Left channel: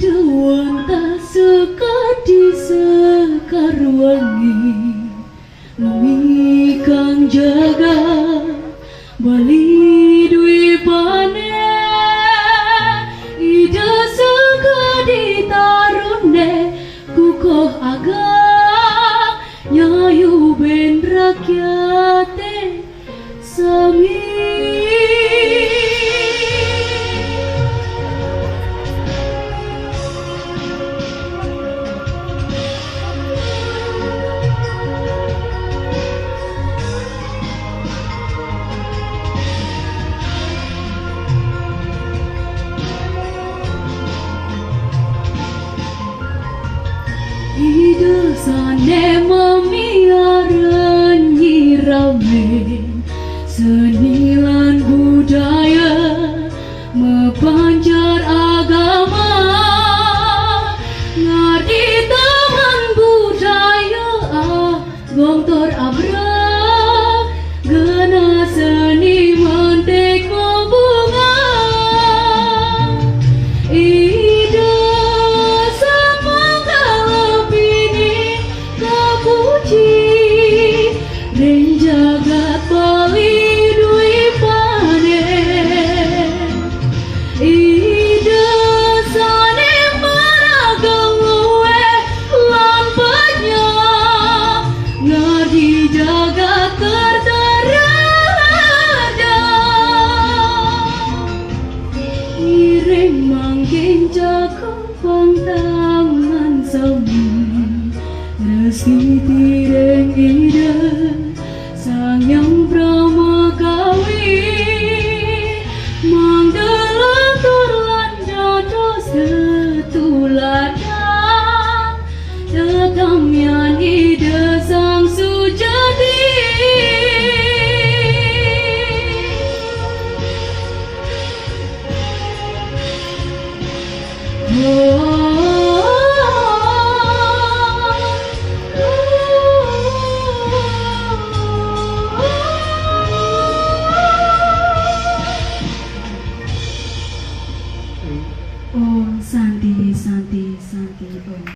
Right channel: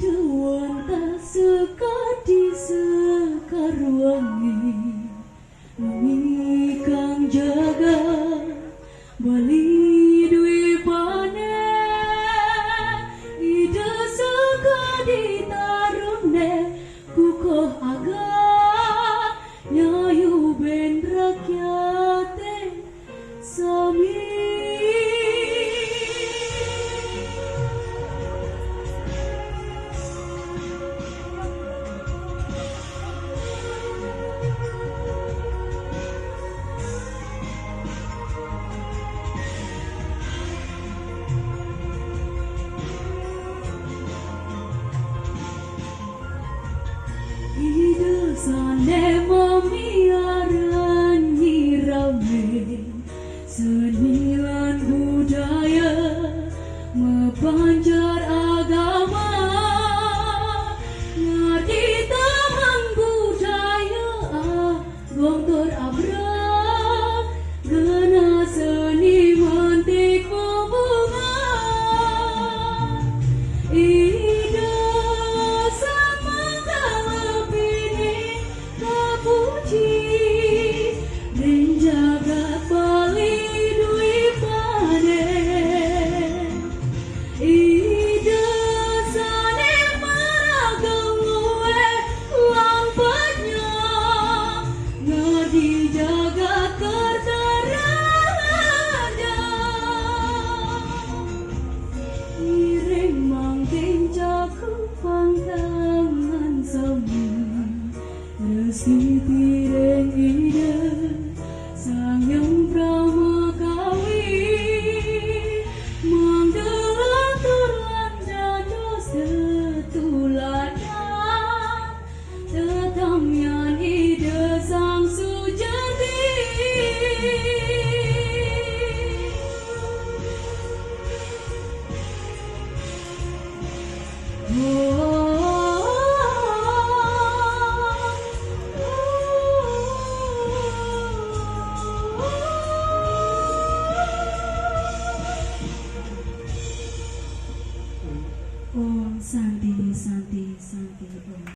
Iduan suka di sekar wangi Umi kang jaga bali dwi pane Ida suka di tarune kukoh agak Nyayu ben rakyate sami Ida sane memiara nyiramen seni lan budaya mepancar agama ngardi taman budaya gontor abra gena seni mentek bunga Jagat bali dwi pane Ida sane maragang luwe lan banyak ngadi jagat terterada iring mangking cakap pantangan sami Reski tireng ida Sang yang pramagawi Manggelantur lan jodoh setuladan Tetamyan ida sang sujati Oh, Santi, Santi, Santi, oh.